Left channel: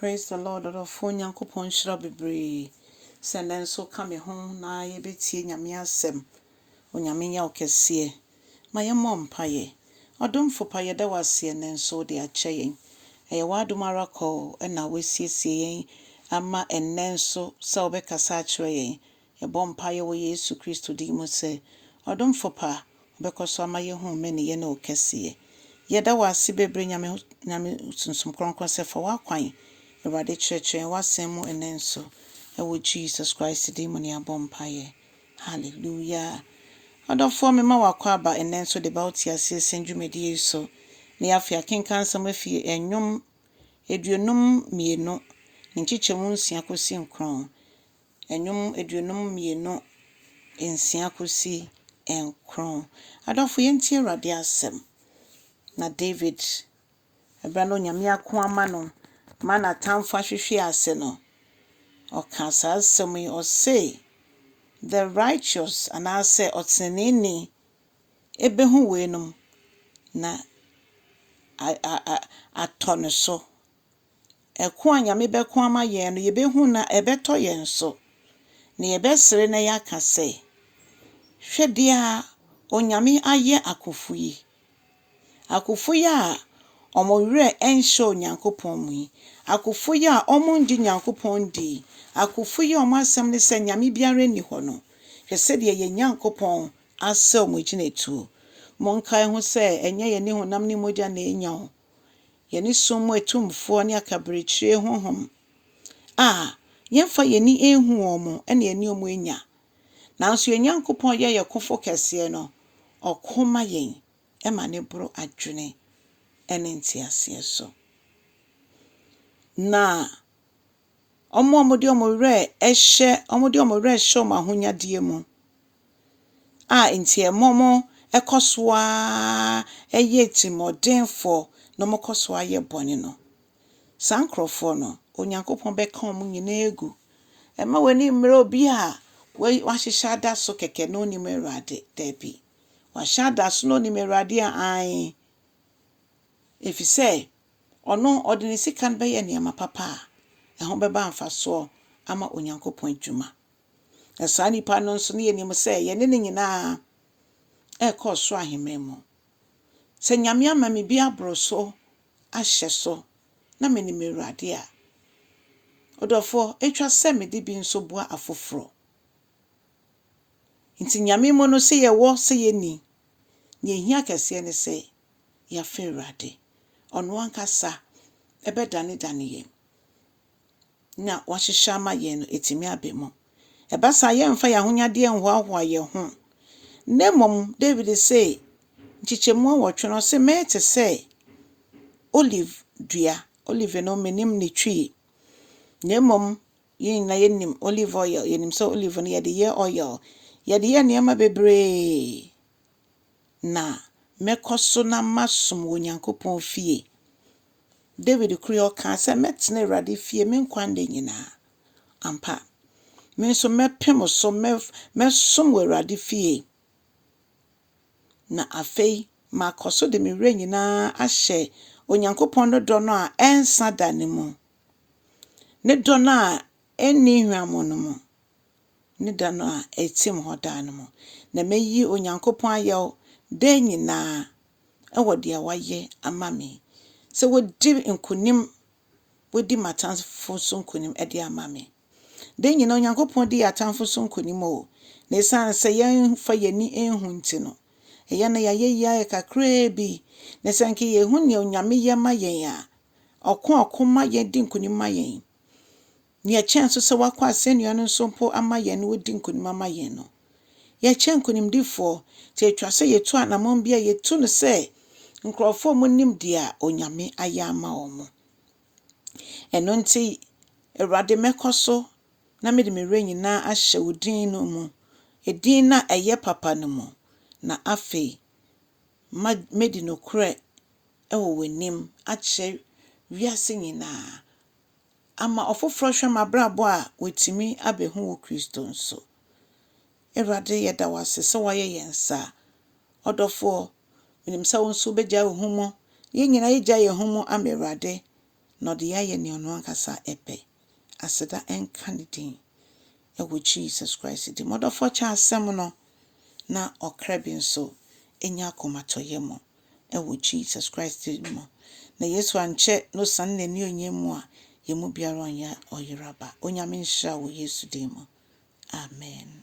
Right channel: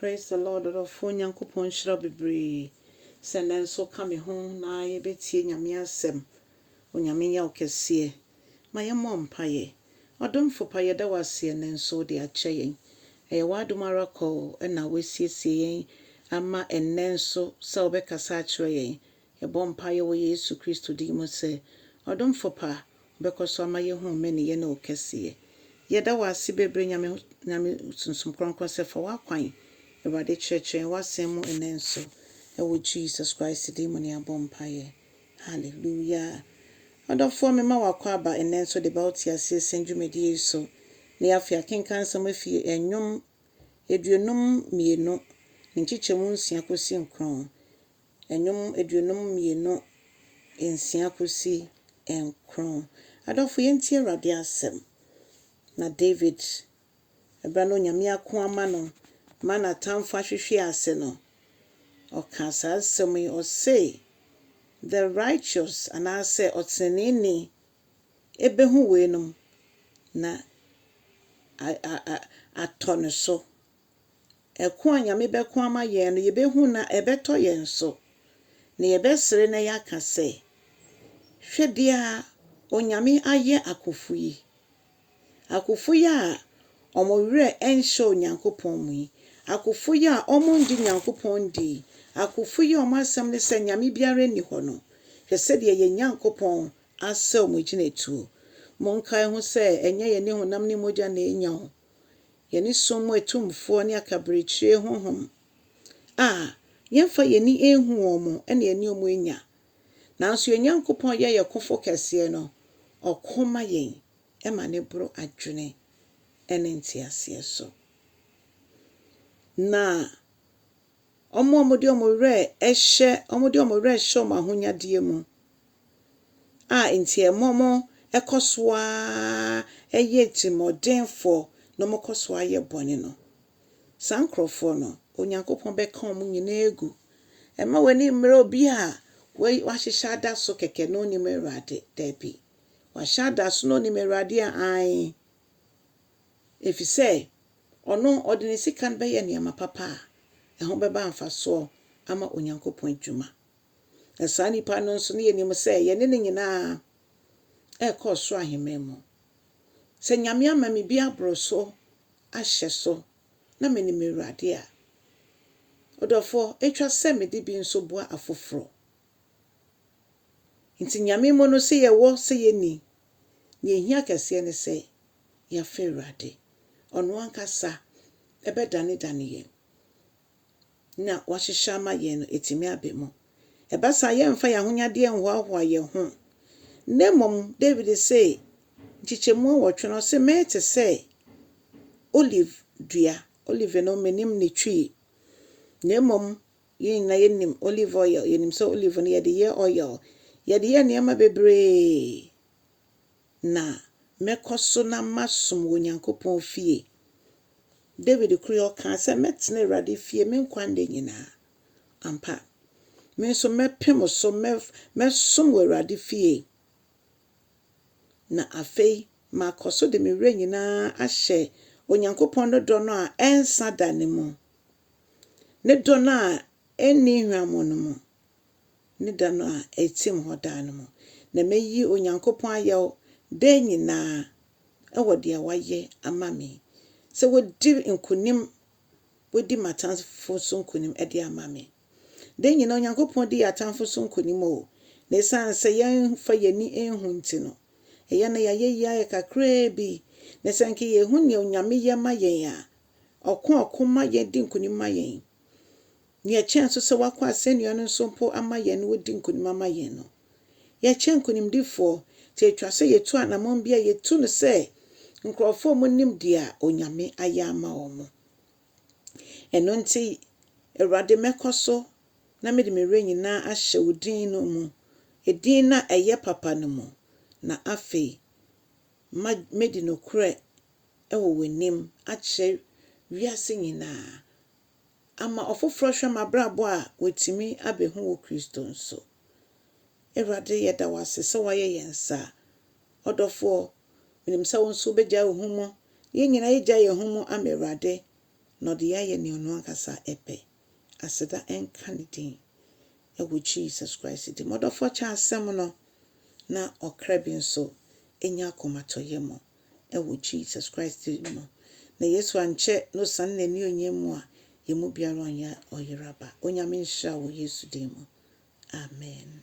Praise the Lord. Adofo Nyankopon hyira bebree. Sɛ so ka me ho na yɛbɛtie Nyame asɛm. Onyame nya wo kɛse. Ma yɛmmɔ mpaeɛ. Ɔdomfo pa yɛda wo ase nso de akyɛ yɛn. Ɛyɛ w'adom ara kɔ na wɔasiesie yɛn ama nso sɛ wobɛkasa akyerɛ yɛn. Yɛbɔ mpaeɛ wɔ Yesu Kristo din mu sɛ ɔdomfo pa wobɛkɔ so ama yɛhu mene yɛne wo kɛse. Yɛda wo ase bebree Nyame sunsum kronkron sɛ fa w'akwan. Awurade kyerɛkyerɛ w'asɛm mu nso. Ɛwɔ Jesus Christ din mu ne abɔ mpaeɛ. Hallelujah. Adɔfoɔ mema wakɔ aba nso de ba wo tie ase sendwumedie so. Ne afia kenkan nsɛm afie Ndwom 22 nkyekyɛmu 6 kɔsi 9. Ndwom 22 6 kɔsi 9. Adɔfoɔ yɛntie Awurade asɛm. Na David ɛbɛn no Nyame ako ama no ma na tamfo ahwehwe ase no. Ɔka saa asɛm yi ɔse the righteous anaasɛ ɔteneneni ɛbɛhu weinom na atɔ no so. Ɛko a Nyame bɛko ama yɛn no yɛbɛhu na ɛbɛtɔ yɛn so. Na yɛbɛsere na yɛaka sɛ hwɛ dia Onyame ayɛ akofo yi. Akofo yi a ɔmɔwerɛ ɛnhyɛ Onyankopɔn mu yi. Akofo yi a ɔmɔndi Nyankopɔn di. Akofo yi a ɔmɔ asɛm ne sɛ Nyame biara ni hɔ no. Hwɛ sɛdeɛ yɛ Nyankopɔn asɛ ɔmɔ gyinatuo. Monkae ho sɛ ɛnyɛ yɛne honam ne mogya na ɛnya ho. Yɛne som mu etumfoɔ ne akaberekyire honhom. Yɛmfa yɛni ehu wɔn ɛne yɛne ɔmɔ enya. Nanso yɛ Nyankopɔn yɛ kofo kɛseɛ no. Ɔkoma yɛn ɛma ne boro adwene ɛne ntiaseɛ so. Na ɔmɔde ɔmɔwerɛ hyɛ ɔmɔ ahonyadeɛ mu. Nti ɛmɔmɔ ɛkɔsoa ɛyɛ timɔdenfo na ɔmɔkɔsoa yɛ bɔne no. Saa nkrɔfoɔ no Onyankopɔn bɛka ɔmɔ nyinaa egu. Ɛma w'ani mmerɛ obi a wahyehyɛ ada so kɛkɛ no nim Awurade dabi. Wahyɛ ada so no nim Awurade a efisɛ ɔno ɔde ne sika no bɛyɛ nneɛma papa a ɛho bɛba mfasoɔ ama Onyankopɔn adwuma. Na saa nipa no nso ne yɛnim sɛ yɛne ne nyinaa ɛkɔ so ahemman mu. Sɛ Nyame ama me bi aboro so ahyɛ so na me ne Awurade a ɔdɔfo etwa sɛ me de bi nso boa afoforo. Nti Nyame mu no sɛ yɛwɔ sɛ yɛni ne ehia kɛseɛ ne sɛ yɛafa Awurade. Ɔno ankasa ɛbɛdane yɛn. Na wahyehyɛ ama yɛn no etimi abɛ mu. Ɛbasa yɛmfa yɛn ahonyadeɛ nhoahoa yɛn ho. Na mmom David sɛ nkyekyɛmu 8 no sɛ mɛte sɛ olive dua. Olive no menim ne twi. Na mmom yɛn na yɛnim olive oil. Yɛnim sɛ olive no yɛde yɛ oil. Yɛde yɛ nneɛma bebree. Na mɛkɔ so na masom wɔ Nyankopɔn fie. David kuri ɔka sɛ mɛtena Awurade fie me nkwa nda nyinaa. Ampa. Me nso mɛpem so mɛsom wɔ Awurade fie. Na afei makɔ so de me werɛ nyinaa ahyɛ Onyankopɔn no dɔ no a ɛnsa da ne mu. Ne dɔ no a ɛnni hwamo no mu. Ne dɔ no a ɛtim hɔ da no mu. Na meyi Onyankopɔn ayɛ da nyinaa ɛwɔ deɛ wayɛ ama me. Sɛ wodi nkonim wodi matamfo so nkonim ɛde ama me. Da nyinaa Onyankopɔn di atamfo so nkonim o. Na ɛsan sɛ yɛmfa yɛni enhu nti no. Ɛyɛ na yɛayɛ kakraa bi. Na sɛ nke yɛhu ne Onyame yɛ ma yɛn a ɔko ma yɛn di nkonim ma yɛn. Ne yɛkyɛn so sɛ wakɔ asɛnnua no nso mpo ama yɛn no wodi nkonim ama yɛn no. Yɛkyɛn nkonimdifoɔ te atwa sɛ yɛtu anamon bi a yɛtu no sɛ nkrɔfoɔ mu nim dia Onyame ayɛ ama wɔn. Ɛno nti Awurade mɛkɔ so na mede me werɛ nyinaa ahyɛ wo din no mu. Edin na ɛyɛ papa no mu. Na afei medi no korɛ ɛwɔ w'anim akyerɛ wiase nyinaa. Ama ɔfoforo hwɛ mabrabɔ a wɔtimi abɛhu wɔ Kristo nso. Awurade yɛda wase sɛ wayɛ yɛn sa. Ɔdɔfoɔ menim sɛ wo nso bɛgya wo ho mu. Yɛn nyinaa yɛgya yɛn ho mu ama Awurade. na ɔde yɛayɛ nea ɔno ankasa ɛpɛ. Aseda ɛnka ne din ɛwɔ Jesus Christ di. Mɔdɔfoɔ kyɛ asɛm no na ɔkra bi nso ɛnya akɔmatɔyɛ mu ɛwɔ Jesus Christ di mu. Na Yesu ankyɛ no san n'ani onyam mu a yɛmu biara ɔnyɛ ɔyeraba. Onyame nhyira wɔ Yesu din mu. Amen.